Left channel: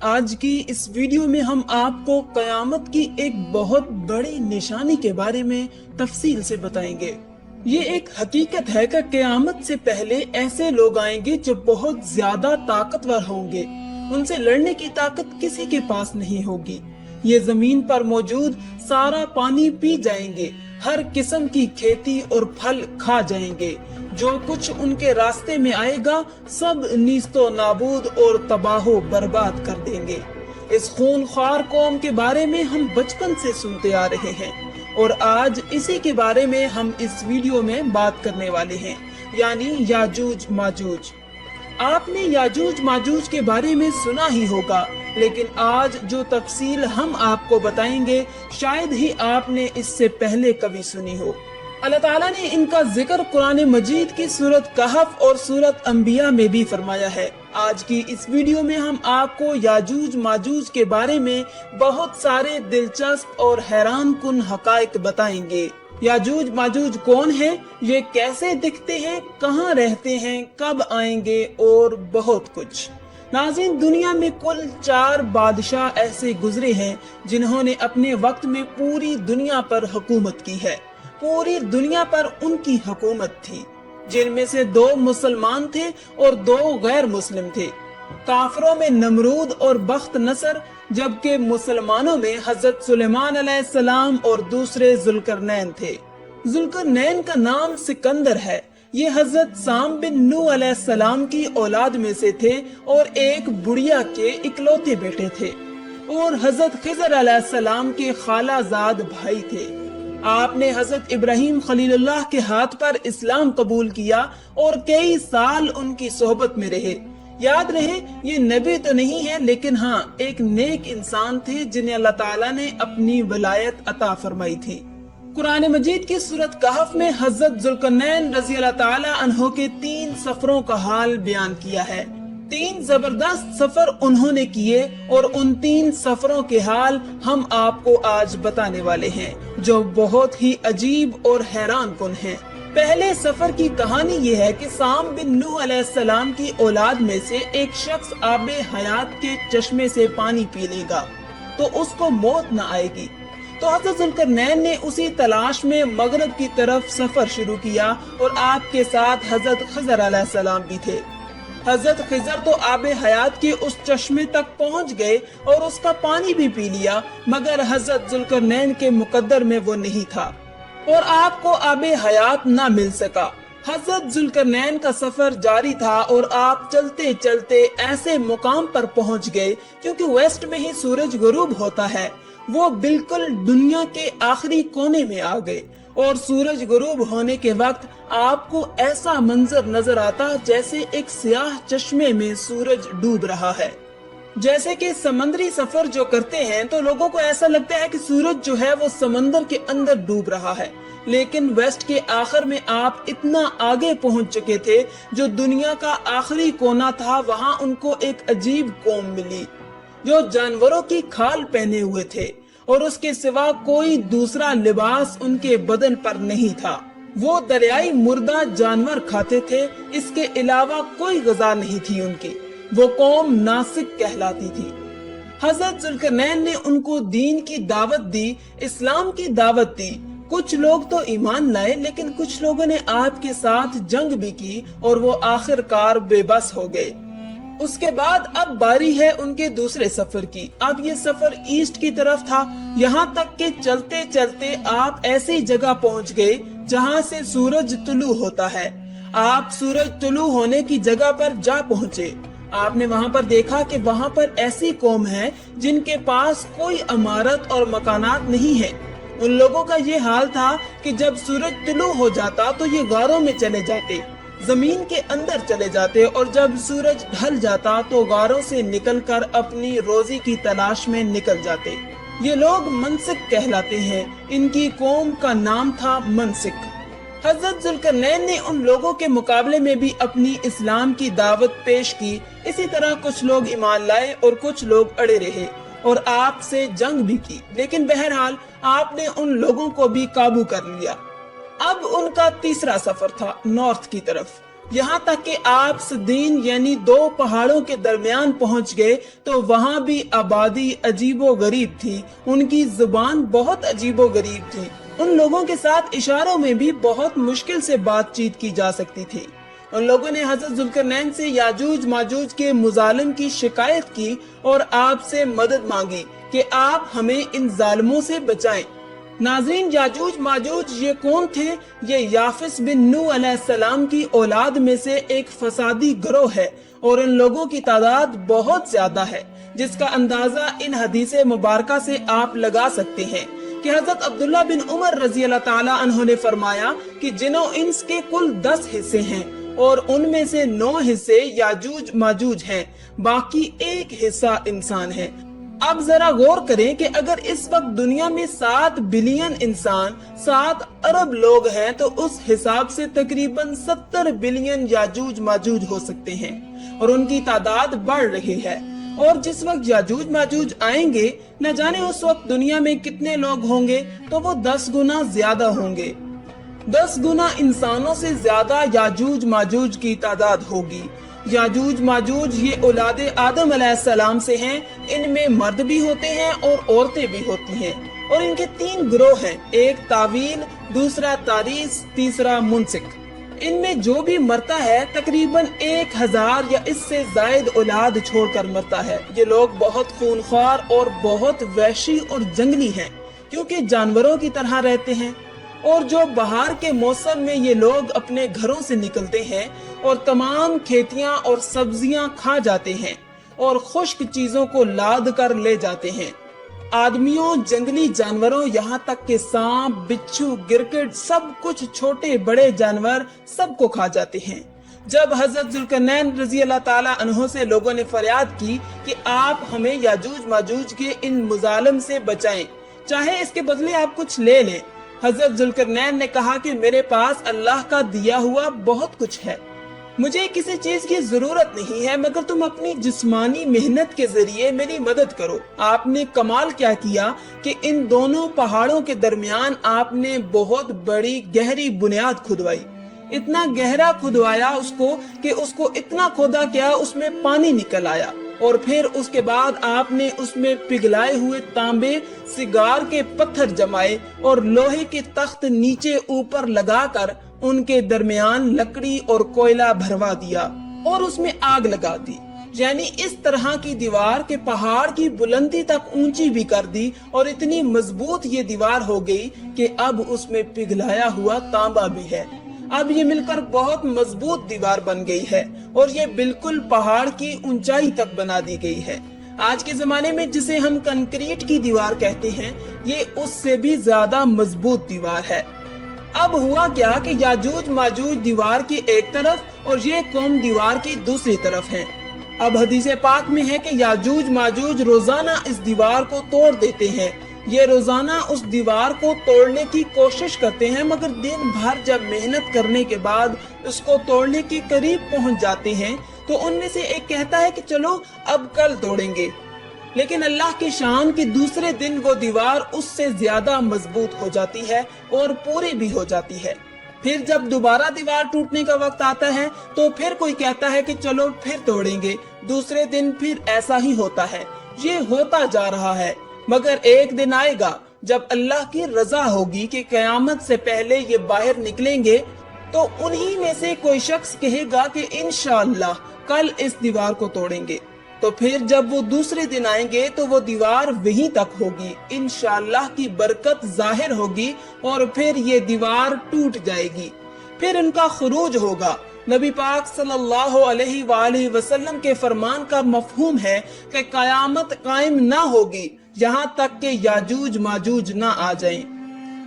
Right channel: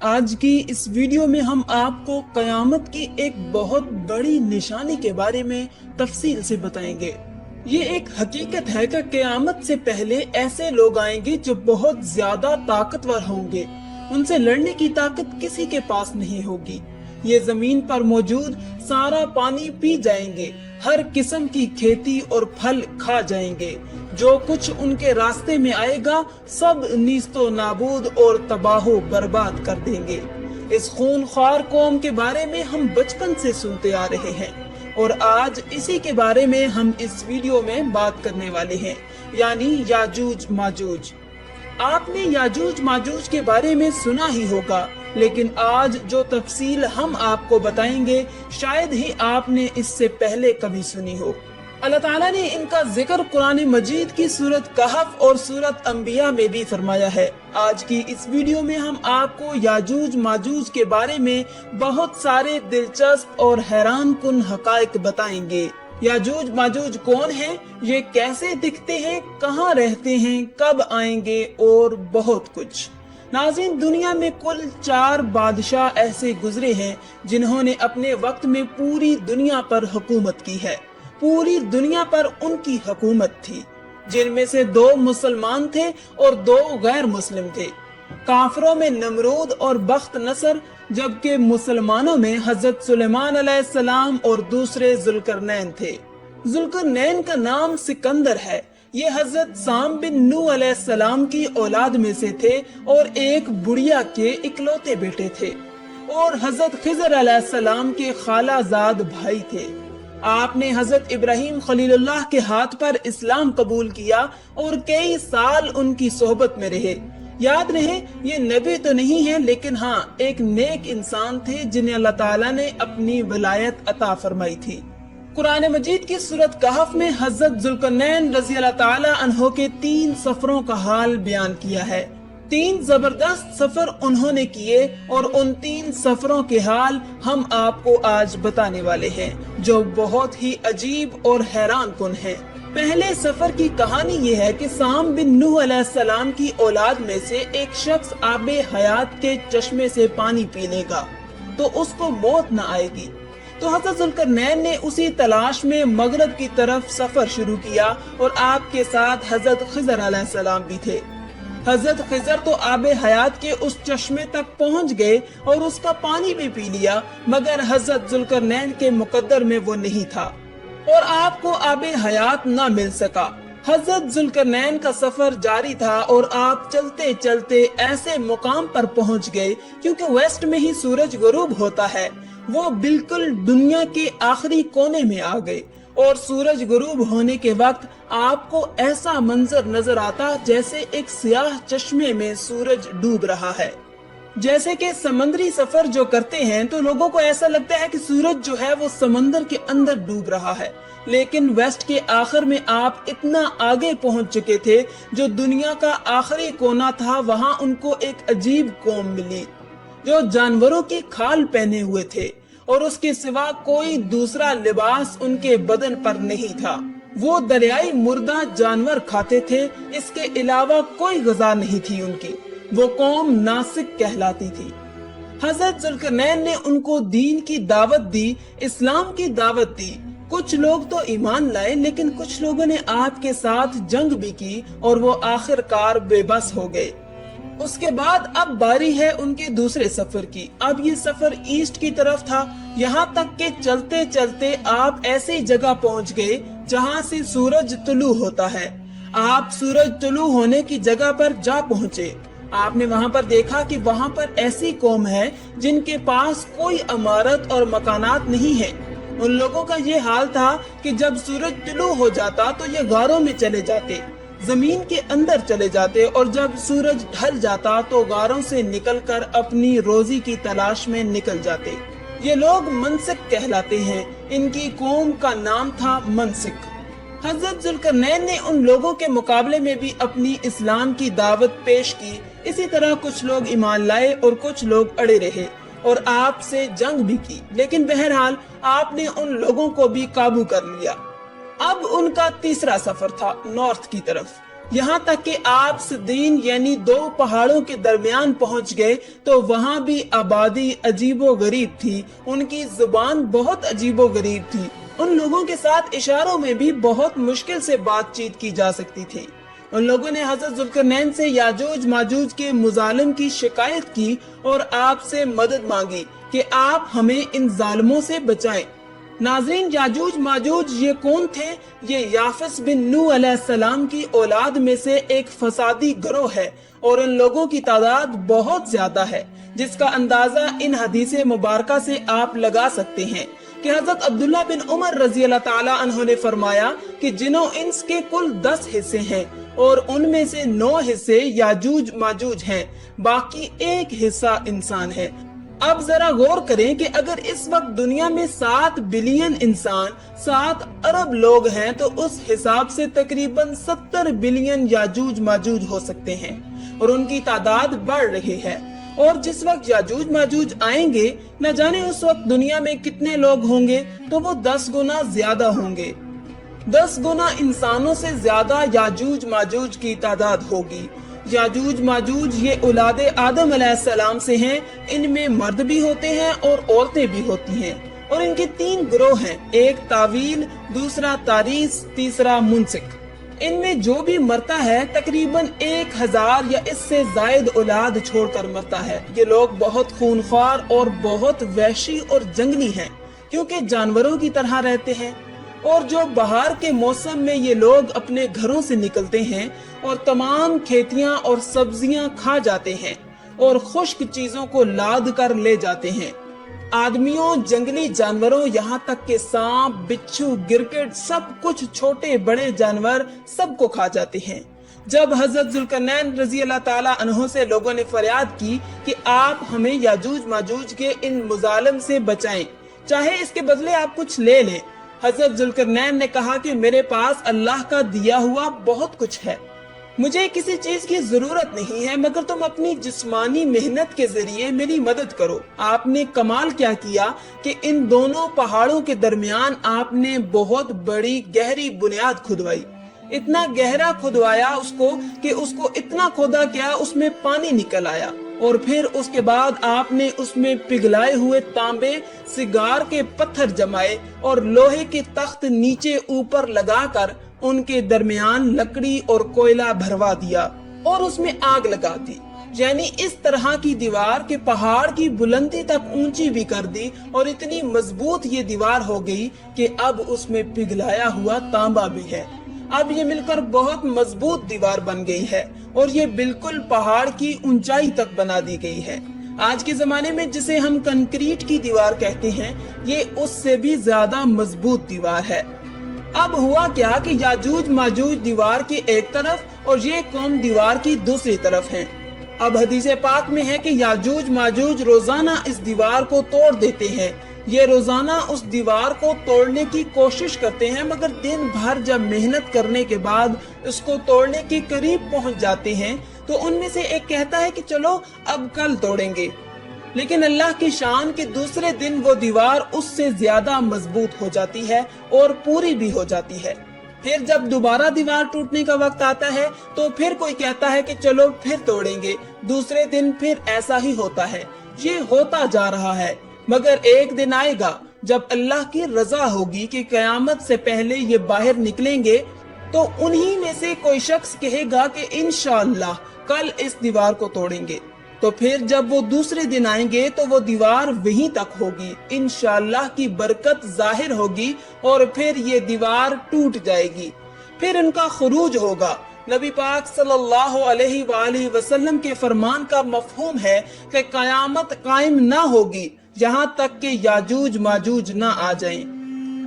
آج کی اس ویڈیو میں ہم آپ کو قیامت کی ایک بہت بڑی نشانی کے بارے میں تفصیل سے بتائیں گے۔ یہ ایک حقیقت ہے کہ قیامت سے پہلے ایسے لوگ آئیں گے جو بہت زیادہ طاقتور ہوں گے، ان سے لڑنے کی طاقت کسی کے پاس نہیں ہوگی۔ یہ زمین پر موجود سارا پانی پی جائیں گے، ہر قسم کی کھیتی اور پھل کھا جائیں گے، جو کچھ ان کے راستے میں آئے گا سب نیست و نابود اور تباہ و برباد کر دیں گے۔ اس خونخوار قوم کے بارے میں ہم بچپن سے سنتے آ رہے ہیں اور آج اسی کے بارے میں ہم اس ویڈیو میں بات کرنے والے ہیں، یعنی یاجوج ماجوج۔ آپ نے یاجوج ماجوج کے بارے میں سنا ہی ہوگا، لیکن آج جو تفصیل ہم آپ کو بتائیں گے شاید ہی آپ نے اس سے پہلے کبھی سنی ہو۔ اللہ تعالیٰ نے ان کا ذکر قرآن مجید کی سورت کہف اور سورت انبیاء میں بھی فرمایا ہے۔ آج کی اس ویڈیو میں ہم آپ کو یاجوج ماجوج کے بارے میں بہت سارے دلچسپ اور حیران کن حقائق بتائیں گے۔ یاجوج ماجوج کون ہیں، یہ کیسے دکھتے ہیں، کہاں رہتے ہیں، کب آئیں گے اور بہت کچھ۔ ناظرین، دنیا میں کل 4 بادشاہ ایسے گزرے ہیں جنہوں نے اپنے وقت میں پوری دنیا پر حکومت کی ہے۔ پوری دنیا پر ان کی حکومت تھی، جن میں سے 2 مسلمان تھے اور 2 غیر مسلم تھے۔ کافروں میں نمرود اور بخت نصر، جبکہ مسلمانوں میں حضرت سلیمان علیہ السلام اور دوسرے ذوالقرنین تھے۔ ذوالقرنین کا نام سکندر ہے۔ یہ حضرت سام بن نوح علیہ السلام کی اولاد میں سے تھے اور ایک بڑھیا کے اکلوتے بیٹے تھے، اور حضرت خضر علیہ السلام کے خالہ زاد بھائی تھے۔ آپ نے حضرت ابراہیم خلیل اللہ کے ہاتھ پر اسلام قبول کیا اور کئی سال ان کی صحبت میں رہے۔ یاد رہے، یہ نبی تو نہیں ہے، لیکن ہاں ایک نیک انسان تھے جنہیں اللہ تعالیٰ نے اپنی ولایت عطا فرمائی تھی۔ قرآن مجید کی سورت کہف میں حضرت ذوالقرنین رضی اللہ تعالیٰ عنہ کے 3 سفروں کا حال بیان کیا ہے۔ 3 زبردست سفر انہوں نے کیے اور ان 3 سفروں کے حال ہم آپ کو آج بتانے والے ہیں، جو بہت ہی عجیب اور حیران کن ہے۔ پہلے سفر کی کہانی یہ ہے کہ سام بن نوح علیہ السلام کی اولاد میں سے ایک شخص آب حیات کے چشمے سے پانی پی لے گا تو اس کو موت نہ آئے گی۔ تو حضرت ذوالقرنین نے اسی تلاش میں مغرب کی طرف سفر شروع کیا اور آپ کے ساتھ حضرت خضر علیہ السلام بھی تھے۔ حضرت خضر تو آب حیات کے اس چشمے تک پہنچ گئے اور اس کا پانی بھی پی لیا، مگر حضرت ذوالقرنین کے مقدر میں وہ نہیں تھا اور آپ کو آب حیات نہ مل سکا۔ حضرت ذوالقرنین کا سفر جاری تھا اور آپ چلتے چلتے ایسے مقام پر پہنچ گئے، کیونکہ ویسٹ میں ہی سورج غروب ہوتا ہے، وہ بالکل دنیا کے آخری کونے میں آ گئے اور سورج غروب ہونے کے وقت آپ کو ایسا منظر نظر آتا جیسے ایک سیاہ چشمے میں سورج ڈوب رہا ہے۔ جیسے کہ سمندری سفر جو کرتے ہیں تو لوگوں کو ایسا لگتا ہے کہ سورج جو ہے وہ سمندر کے اندر ڈوب رہا ہے، لیکن ویسٹ کے آخر میں آپ اتنا آگے پہنچ چکے تھے، جو دنیا کا آخری کونا تھا، وہاں ان کو ایک عجیب قوم ملی جو جانوروں کی کھال پہنے ہوئے تھے اور اس کے سوا کوئی دوسرا لباس ان کے بدن پر نہیں تھا۔ وہ دریائی مردہ جانور کھاتے تھے، اس کے علاوہ کوئی غذا نہیں تھی ان کی۔ وہ قوم ناسک کہلاتی تھی۔ حضرت ذوالقرنین نے ان کو دین کی دعوت دی، اسلام کی دعوت دی۔ کچھ لوگ تو ایمان لائے، لیکن کچھ لوگوں نے آپ کے ساتھ جنگ بھی کی اور وہ آخر کار بے بس ہو گئے۔ اس کے بعد اب باری ہے ان کے دوسرے سفر کی۔ اب یہ سفر ایسٹ کی طرف تھا، یہاں تک کہ چلتے چلتے آپ ایسے جگہ پہنچ گئے جہاں سے سورج طلوع ہوتا ہے۔ آپ سورج طلوع ہونے کی جگہ پر جا پہنچے۔ آپ نے وہاں پر دیکھا کہ وہاں پر ایسی قوم ہے جن کے پاس کوئی عمارت اور مکانات نہیں ہے۔ ان لوگوں کا یہ حال تھا کہ جب سورج طلوع ہو جاتا تو یہ غاروں میں چلے جاتے، زمین کے اندر چلے جاتے، اور جب سورج ڈھل جاتا تو غاروں سے نکل کر اپنی روزی کی تلاش میں نکل جاتے۔ یہ لوگ منسک کہلاتے ہیں، ان کی قوم کا نام تھا منسک۔ حضرت ذوالقرنین نے ان لوگوں کے مقابلے میں بھی اپنی اسلام کی دعوت پیش کی۔ اسی طرح کچھ لوگ ایمان لائے اور کچھ لوگ اڑے رہے اور آپ سے جنگ بھی کی، لیکن بہرحال آپ نے ان لوگوں کو بھی قابو کر لیا۔ اب ان کا تیسرا سفر تھا نارتھ کی طرف۔ یہاں تک کہ آپ صدین یعنی دو پہاڑوں کے درمیان پہنچ گئے تو وہاں بھی آبادی عجیب و غریب تھی، ان کی زبان بہت عجیب و غریب تھی، ان لوگوں کے ساتھ اشاروں میں بھی بہت مشکل سے بات چیت کی جا سکتی تھی۔ اور لوگوں نے حضرت ذوالقرنین سے یاجوج ماجوج کے مظالم کی شکایت کی اور آپ سے مدد مانگی کہ آپ ہمیں ان ظالموں سے بچائیں۔ ناظرین، یاجوج ماجوج یہ کون تھے؟ یہ یافس بن نوح علیہ السلام کی اولاد میں سے ایک فسادی گروہ ہے اور ان لوگوں کی تعداد بہت زیادہ ہے، جس کا اندازہ ان حدیث مبارکہ سے آپ لگا سکتے ہیں کہ حضرت عبداللہ بن عمر رضی اللہ تعالی عنہ نے فرمایا کہ جن و انس کے کل 10 حصے ہیں اور ان میں سے 9 حصے یاجوج ماجوج ہیں، باقی 1 حصہ انسان ہے۔ اب ذرا غور کریں کہ اگر اس وقت دنیا میں 7 بلین انسان، 7 ارب لوگ ہیں تو اس حساب سے تقریباً 70 بلین یاجوج ماجوج ہو سکتے ہیں اور ان کی تعداد بڑھ رہی ہے۔ اور جس وقت یاجوج ماجوج آئیں گے، نہ جانے اس وقت دنیا میں کتنے لوگ ہوں گے، تو وہ 10 گنا زیادہ ہوں گے، 10 گنا انسانوں سے زیادہ یاجوج ماجوج کی تعداد ہوگی۔ یاجوج ماجوج یہ اولاد آدم علیہ السلام سے ہیں، ان میں مرد بھی ہوتے ہیں اور عورتیں بھی ہوتی ہیں، اور ان کے 3 گروہ ہیں، ایک طاویل، دوسرا تاریس، تیسرا منسک۔ ان میں جو بھی مرتا ہے تقریباً 1000 یا اس سے زائد اولاد چھوڑ کر مرتا ہے۔ یہ لوگ بہت خونخوار اور بہت وحشی اور جنگلی ہیں، کیونکہ جانوروں کی طرح رہتے ہیں، اور جو بہار کے موسم میں یہ لوگ اپنے گھروں سے نکلتے ہیں اور تمام کھیتیاں اور سبزیاں کھا جاتے ہیں اور خشک چیزوں کو لاد کر لے جاتے ہیں۔ آدمیوں، جنگلی جانوروں، یہاں تک کہ سانپ، بچھو، گرگٹ، سب کچھ، چھوٹے بڑے جانور سب کو کھا جاتے ہیں۔ جب حضرت ذوالقرنین رضی اللہ تعالی عنہ سے لوگوں نے فریاد کی کہ آپ ہمیں یاجوج ماجوج کے ان مظالم سے بچائیں، چاہے اس کے بدلے آپ کچھ لے لیں، حضرت ذوالقرنین نے کہا کہ میرے پاس اللہ کا دیا ہوا بہت کچھ ہے، مجھے کسی چیز کی ضرورت نہیں ہے، مگر تم اپنی جسمانی محنت کے ذریعے میری مدد کرو۔ آپ نے کمال کیا کیا کہ ان دونوں پہاڑوں کے درمیان آپ نے بہت بڑی گہری بنیاد کھدوائی، اتنا گہرا کھدوایا اس کو کہ اس کو اتنا کھودا کیا اس میں پانی نکل آیا، اور پھر اس کے بعد آپ نے اس میں پگھلائے ہوئے تانبے، سگار کے پتھر جمائے اور لوہے کے تخت نیچے اوپر لگا کر ان کے درمیان لکڑی اور کوئلہ بھروا دیا اور اس میں آگ لگا دی، یعنی اس طرح کی دیوار کہ پہاڑ کی بلندی تک اونچی بھی کر دی، اور اتنی مضبوط یہ دیوار ہو گئی کہ اب اس میں پگھلایا ہوا تانبا بھی ہے۔ اب یہ مل کر بہت مضبوط دیوار بن گئی ہے اور یہ بالکل پہاڑ کی اونچائی تک بنا دی گئی ہے۔ آج کے زمانے میں جسے ہم کنکریٹ کی دیوار کہتے ہیں، یہ اس سے بھی زیادہ مضبوط دیوار ہے۔ اب ہوا کیا کہ یاجوج ماجوج دیوار کی ایک طرف اور یہ قوم دیوار کی دوسری طرف ہے۔ اب حدیث پاک میں ہے کہ یاجوج ماجوج روزانہ اس دیوار کو توڑ دیتے ہیں، یہ روزانہ اس دیوار کو توڑنے کی کوشش کرتے ہیں، مگر دن بھر جب محنت کرنے کے بعد اس کو توڑنے کے قریب پہنچ جاتے ہیں تو ان میں سے ایک کہتا ہے کہ چلو اب کل توڑیں گے، لیکن اللہ کی شان کہ دوسرے دن وہ دیوار اس سے زیادہ مضبوط ہو جاتی ہے اور پوری بھی ہو جاتی ہے۔ پھر جب دوبارہ دیوار ٹوٹنے کا وقت آتا ہے تو پھر کوئی کہتا ہے کہ چلو پھر توڑیں گے، دوسرے دن پھر ایسا ہی ہوتا ہے، یہ ہوتا جا رہا ہے، مگر ایک دن آئے گا جب اللہ کی رضا ہوگی کہ قیامت سے پہلے یہ باہر نکلیں گے، تو انہی میں سے کوئی شخص کہے گا کہ انشاءاللہ کل اس دیوار کو توڑیں گے، تو پھر جب وہ دوسرے دن آئیں گے تو وہ دیوار وہیں تک ہوگی، انشاءاللہ کی برکت ظاہر ہوگی اور پھر یہ دیوار ٹوٹ جائے گی، پھر ان کا خروج ہوگا۔ نبی پاک صلی اللہ علیہ وآلہ وسلم کے فرمان کا مفہوم ہے کہ قیامت قائم نہ ہوگی یہاں تک کہ یاجوج ماجوج نہ آ جائیں۔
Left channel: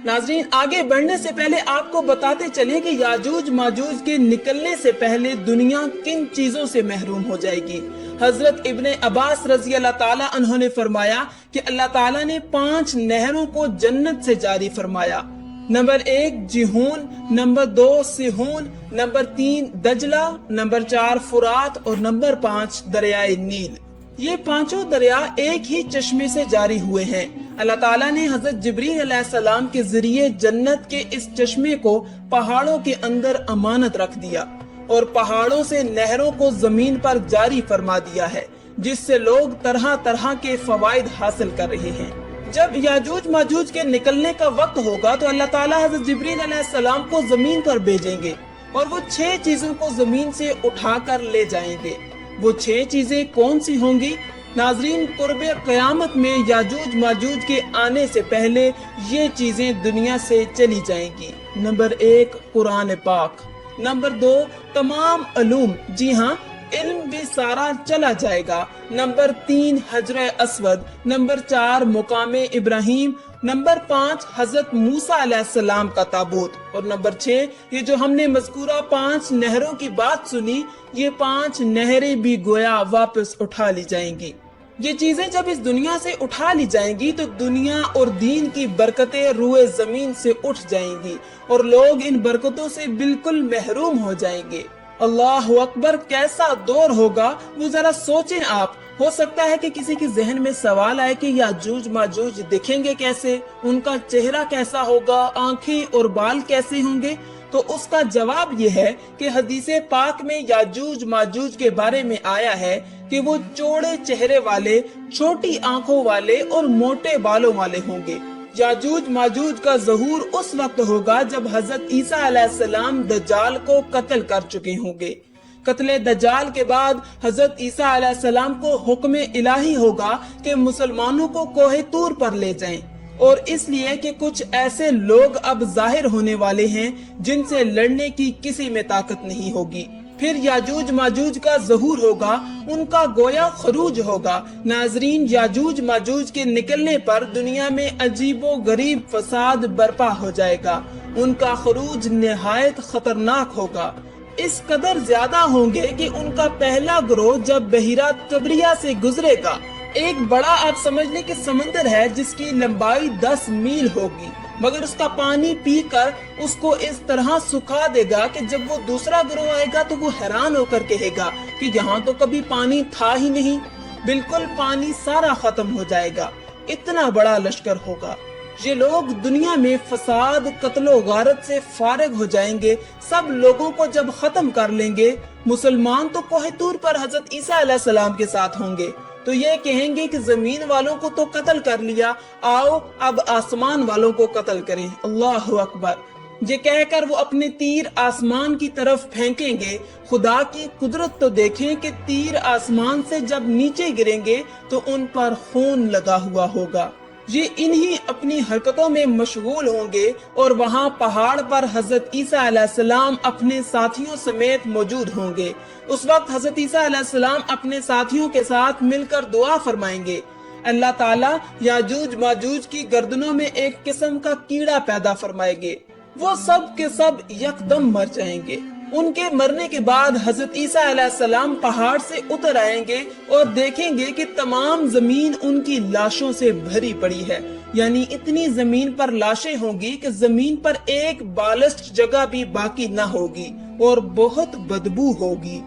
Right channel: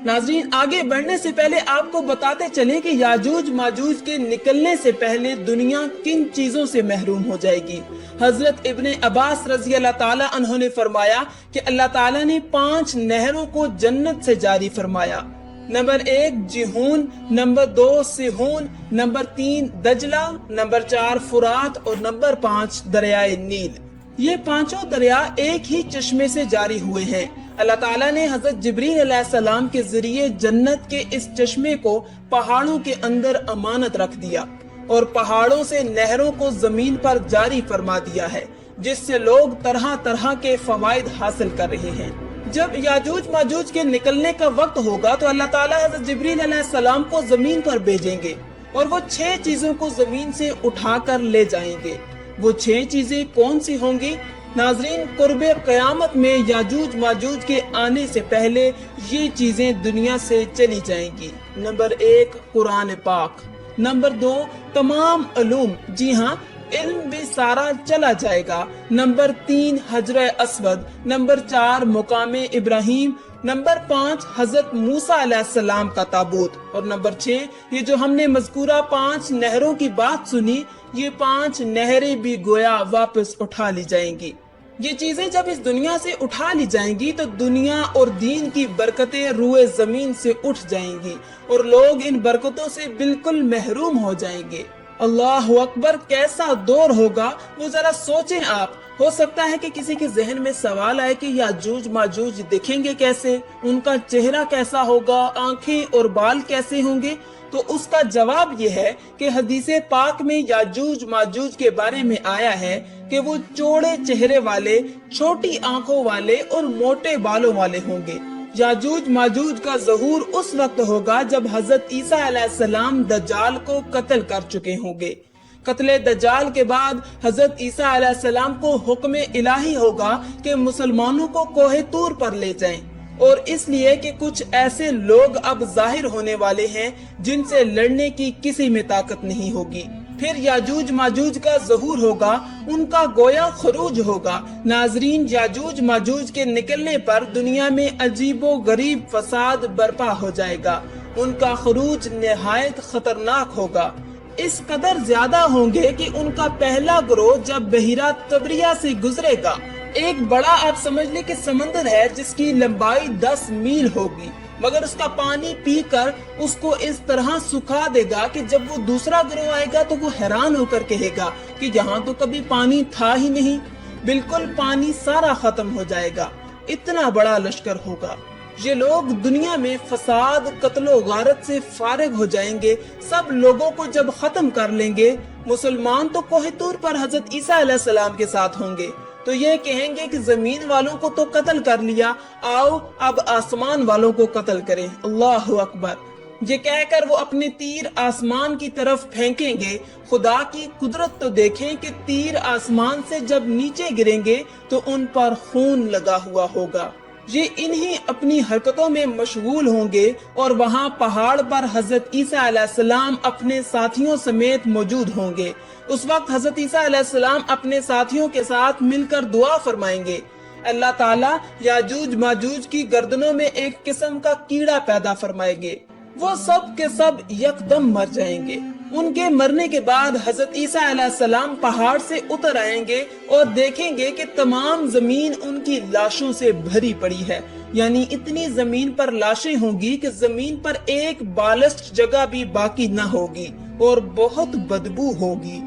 ناظرین، آگے بڑھنے سے پہلے آپ کو بتاتے چلیں کہ یاجوج ماجوج کے نکلنے سے پہلے دنیا کن چیزوں سے محروم ہو جائے گی۔ حضرت ابن عباس رضی اللہ تعالی عنہ نے فرمایا کہ اللہ تعالیٰ نے 5 نہروں کو جنت سے جاری فرمایا۔ نمبر 1 جیہون، نمبر 2 سیہون، نمبر 3 دجلہ، نمبر 4 فرات اور نمبر 5 دریائے نیل۔ یہ 5 دریا ایک ہی چشمے سے جاری ہوئے ہیں۔ اللہ تعالیٰ نے حضرت جبریل علیہ السلام کے ذریعے جنت کے اس چشمے کو پہاڑوں کے اندر امانت رکھ دیا، اور پہاڑوں سے نہروں کو زمین پر جاری فرما دیا ہے، جس سے لوگ طرح طرح کے فوائد حاصل کر رہے ہیں۔ جب یاجوج ماجوج کے نکلنے کا وقت ہوگا تو اللہ تعالیٰ حضرت جبریل علیہ السلام کو زمین پر بھیجیں گے اور وہ 6 چیزوں کو زمین سے اٹھا کر لے جائیں گے۔ وہ 6 چیزیں کون سی ہوں گی؟ ناظرین، قرب قیامت میں یاجوج ماجوج کے آنے سے پہلے یہ چیزیں دنیا سے چلی جائیں گی۔ نمبر 1، قرآن پاک۔ نمبر 2، تمام علوم، جی ہاں، علم بھی سارا چلا جائے گا۔ نمبر 3، حجر اسود۔ نمبر 4، مقام ابراہیم۔ نمبر 5، حضرت موسیٰ علیہ السلام کا تابوت۔ اور نمبر 6، یہ جو ہم نے مذکورہ 5 نہروں کی بات سنی، یہ 5 نہریں بھی گویا واپس اٹھا لی جائیں گی۔ یہ چیزیں جب اس دنیا سے اٹھا لی جائیں گی تو دنیا اور دین کی برکتیں روئے زمین سے اٹھ جائیں گی اور لوگ ان برکتوں سے بالکل محروم ہو جائیں گے۔ اللہ اکبر، کیسا دور ہوگا وہ ذرا سوچیں آپ۔ ہو سکتا ہے کہ کسی کے ذہن میں سوال آئے کہ یاجوج ماجوج دکھیں گے کیسے، ان کا چہرہ کیسا ہوگا، آنکھیں اور بال کیسے ہوں گے؟ تو اس کا جواب یہ ہے کہ حدیث پاک میں یاجوج ماجوج کے بارے میں آیا ہے کہ وہ چوڑے چہرے والے، چھوٹی آنکھوں والے اور موٹے بالوں والے ہوں گے۔ یاجوج ماجوج کا ظہور اس وقت ہوگا جب حضرت عیسیٰ علیہ السلام دجال کو قتل کر چکے ہوں گے۔ قتل دجال کے بعد حضرت عیسیٰ علیہ السلام کو حکم الہی ہوگا کہ مسلمانوں کو کوہ طور پر لے جائیں، اور اس لیے کہ کچھ ایسے لوگ اب ظاہر ہونے والے ہیں جن سے لڑنے کی کسی میں طاقت نہیں ہوگی۔ پھر یاجوج ماجوج کا ظہور ہوگا، ان کا گویا خروج ہوگا۔ ناظرین، یاجوج ماجوج کے نکلنے پر دنیا میں عجیب و غریب فساد برپا ہو جائے گا۔ ان کا خروج نہایت خطرناک ہوگا، اس قدر زیادہ ہوں گے کہ ان کا پہلا گروہ جب بحیرہ طبریہ سے گزرے گا، ایک بڑا آپ سمجھ لیں کہ سمندر ہے جس کی لمبائی 10 میل ہوگی، مگر اس کا پانی پی کر اس کو اس طرح سکھا دے گا کہ جب وہ دوسرا گروہ آئے گا تو وہ حیران ہو کر کہے گا کہ یہاں تو کبھی پانی تھا ہی نہیں، بالکل پانی سارا ختم ہو جائے گا، اتنا بڑا لشکر ہوگا۔ یہ لوگ دنیا میں فساد، قتل و غارت سے فارغ ہو جائیں گے، سب لوگوں کو جب ختم کر لیں گے۔ مسلمان تو کوہ طور پر حضرت عیسیٰ علیہ السلام کے ساتھ ہوں گے، تو یہ کہیں گے کہ زمین والوں کو تو قتل کر لیا، آؤ اب آسمان والوں کو قتل کریں۔ اللہ اکبر، یہ کہہ کر وہ اپنے تیر آسمان کی طرف پھینکیں گے۔ خدا کی قدرت تو دیکھیں کہ تیر آسمان سے جب نیچے گریں گے تو ان پر خون لگا ہوا ہوگا۔ یہ انہی اپنی حرکتوں میں مشغول ہوں گے اور وہاں پہاڑ پر حضرت عیسیٰ علیہ السلام اپنے ساتھیوں سمیت موجود ہوں گے۔ اس وقت حضرت عیسیٰ علیہ السلام اپنے ساتھیوں کے ساتھ مل کر دعا فرمائیں گے۔ اللہ تعالیٰ یاجوج ماجوج کی گردنوں میں ایک قسم کا کیڑا پیدا فرمائیں گے، وہ سب کے سب یکدم مر جائیں گے۔ ان کے مرنے کے بعد حضرت عیسیٰ علیہ السلام پہاڑ سے اتر آئیں گے اور دیکھیں گے کہ تمام زمین ان کی لاشوں سے بھری پڑی ہے، یعنی اتنی زمین پر لاشیں ہوں گی کہ زمین پر ایک بالسٹ جگہ بھی باقی نہ ہوگی اور بہت بدبو ہوگی۔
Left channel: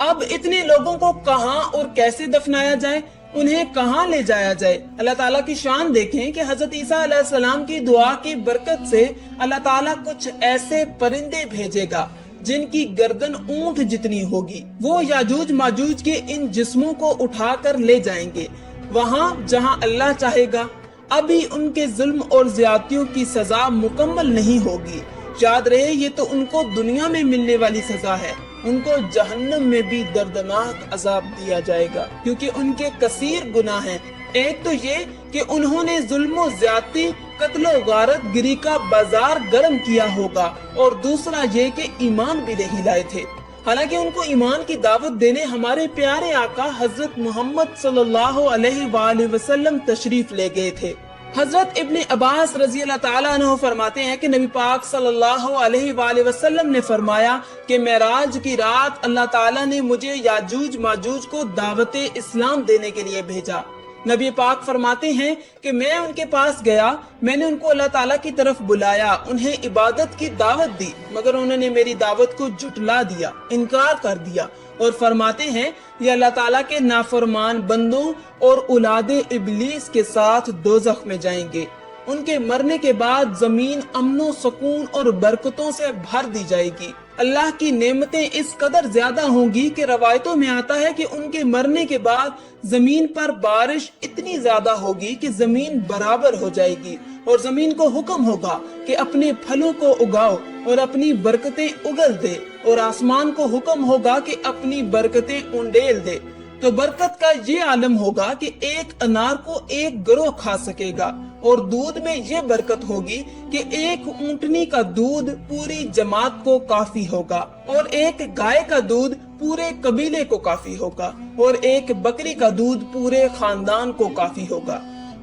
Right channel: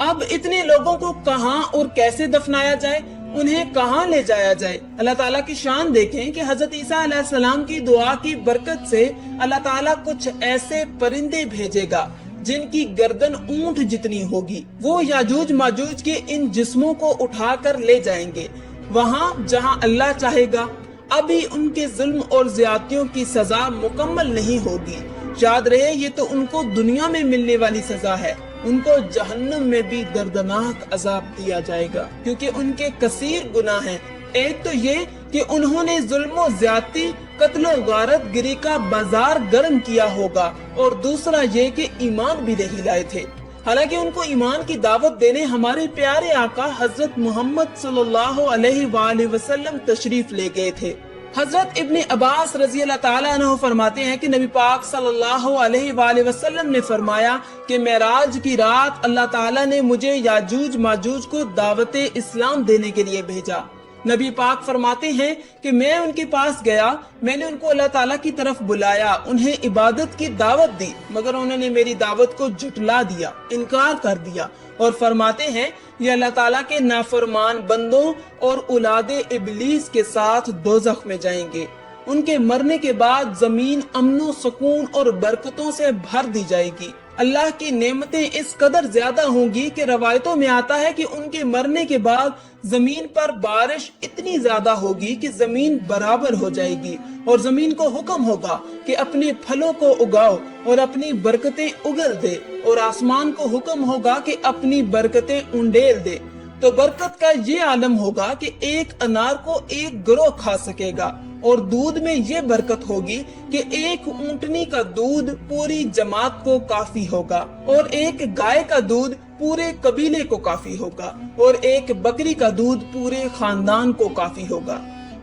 اب اتنے لوگوں کو کہاں اور کیسے دفنایا جائے، انہیں کہاں لے جایا جائے؟ اللہ تعالیٰ کی شان دیکھیں کہ حضرت عیسیٰ علیہ السلام کی دعا کی برکت سے اللہ تعالیٰ کچھ ایسے پرندے بھیجے گا جن کی گردن اونٹ جتنی ہوگی، وہ یاجوج ماجوج کے ان جسموں کو اٹھا کر لے جائیں گے وہاں جہاں اللہ چاہے گا۔ ابھی ان کے ظلم اور زیادتیوں کی سزا مکمل نہیں ہوگی، یاد رہے یہ تو ان کو دنیا میں ملنے والی سزا ہے، ان کو جہنم میں بھی دردناک عذاب دیا جائے گا، کیونکہ ان کے کثیر گناہ ہیں۔ ایک تو یہ کہ انہوں نے ظلم و زیادتی، قتل و غارت گری کا بازار گرم کیا ہوگا، اور دوسرا یہ کہ ایمان بھی نہیں لائے تھے، حالانکہ ان کو ایمان کی دعوت دینے ہمارے پیارے آقا حضرت محمد صلی اللہ علیہ وآلہ وسلم تشریف لے گئے تھے۔ حضرت ابن عباس رضی اللہ تعالیٰ عنہ فرماتے ہیں کہ نبی پاک صلی اللہ علیہ وآلہ وسلم نے فرمایا کہ معراج کی رات اللہ تعالیٰ نے مجھے یاجوج ماجوج کو دعوت اسلام دینے کے لیے بھیجا۔ نبی پاک فرماتے ہیں کہ میں ان کے پاس گیا، میں نے ان کو اللہ تعالیٰ کی طرف بلایا، انہیں عبادت کی دعوت دی، مگر انہوں نے میری دعوت کو جھٹلا دیا، انکار کر دیا، اور فرماتے ہیں یہ اللہ تعالیٰ کے نافرمان بندوں اور اولاد ابلیس کے ساتھ دوزخ میں جائیں گے۔ ان کے مرنے کے بعد زمین امن و سکون اور برکتوں سے بھر دی جائے گی۔ اللہ کی نعمتیں اس قدر زیادہ ہوں گی کہ روایتوں میں آتا ہے کہ ان کے مرنے کے بعد زمین پر بارش اتنی زیادہ ہوگی کہ زمین برابر ہو جائے گی، اور زمین کو حکم ہوگا کہ اپنے پھلوں کو اگاؤ اور اپنی برکتیں اگل دے، اور آسمان کو حکم ہوگا کہ اپنی برکتیں انڈیل دے۔ تو برکت کا یہ عالم ہوگا کہ ایک انار کو ایک گروہ کھا سکے گا، اور دودھ میں یہ برکت ہوگی کہ ایک اونٹنی کا دودھ پوری جماعت کو کافی ہوگا، اور ایک گائے کا دودھ پورے قبیلے کو کافی ہوگا، اور ایک بکری کا دودھ پورے خاندان کو کافی ہوگا۔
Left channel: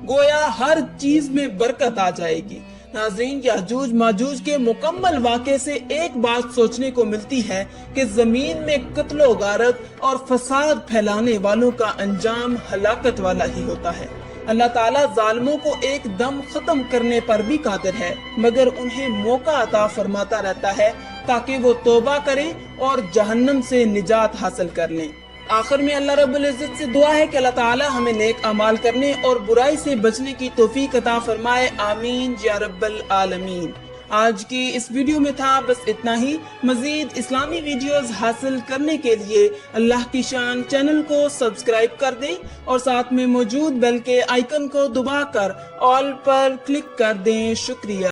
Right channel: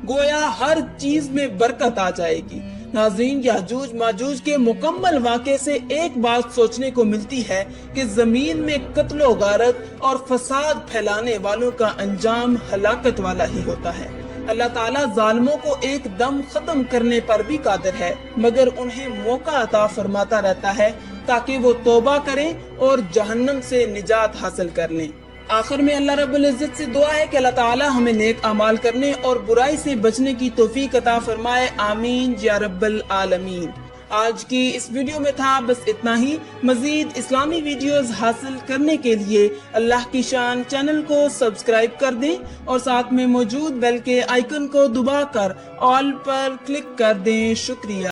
گویا ہر چیز میں برکت آ جائے گی۔ ناظرین، یاجوج ماجوج کے مکمل واقعے سے ایک بات سوچنے کو ملتی ہے کہ زمین میں قتل و غارت اور فساد پھیلانے والوں کا انجام ہلاکت والا ہی ہوتا ہے۔ اللہ تعالیٰ ظالموں کو ایک دم ختم کرنے پر بھی قادر ہے، مگر انہیں موقع عطا فرماتا رہتا ہے تاکہ وہ توبہ کریں اور جہنم سے نجات حاصل کر لیں۔ آخر میں اللہ رب العزت سے دعا ہے کہ اللہ تعالیٰ ہمیں نیک اعمال کرنے اور برائی سے بچنے کی توفیق عطا فرمائے، آمین یا رب العالمین۔ آج کی اس ویڈیو میں تھا بس اتنا ہی۔ مزید اسلامی ویڈیوز حاصل کرنے کے لیے اللہ کی شان چینل کو سبسکرائب کر دیں، اور ساتھ میں موجود بیل کے آئیکن کو دبا کر آل پر کلک کر دیں۔ شکریہ۔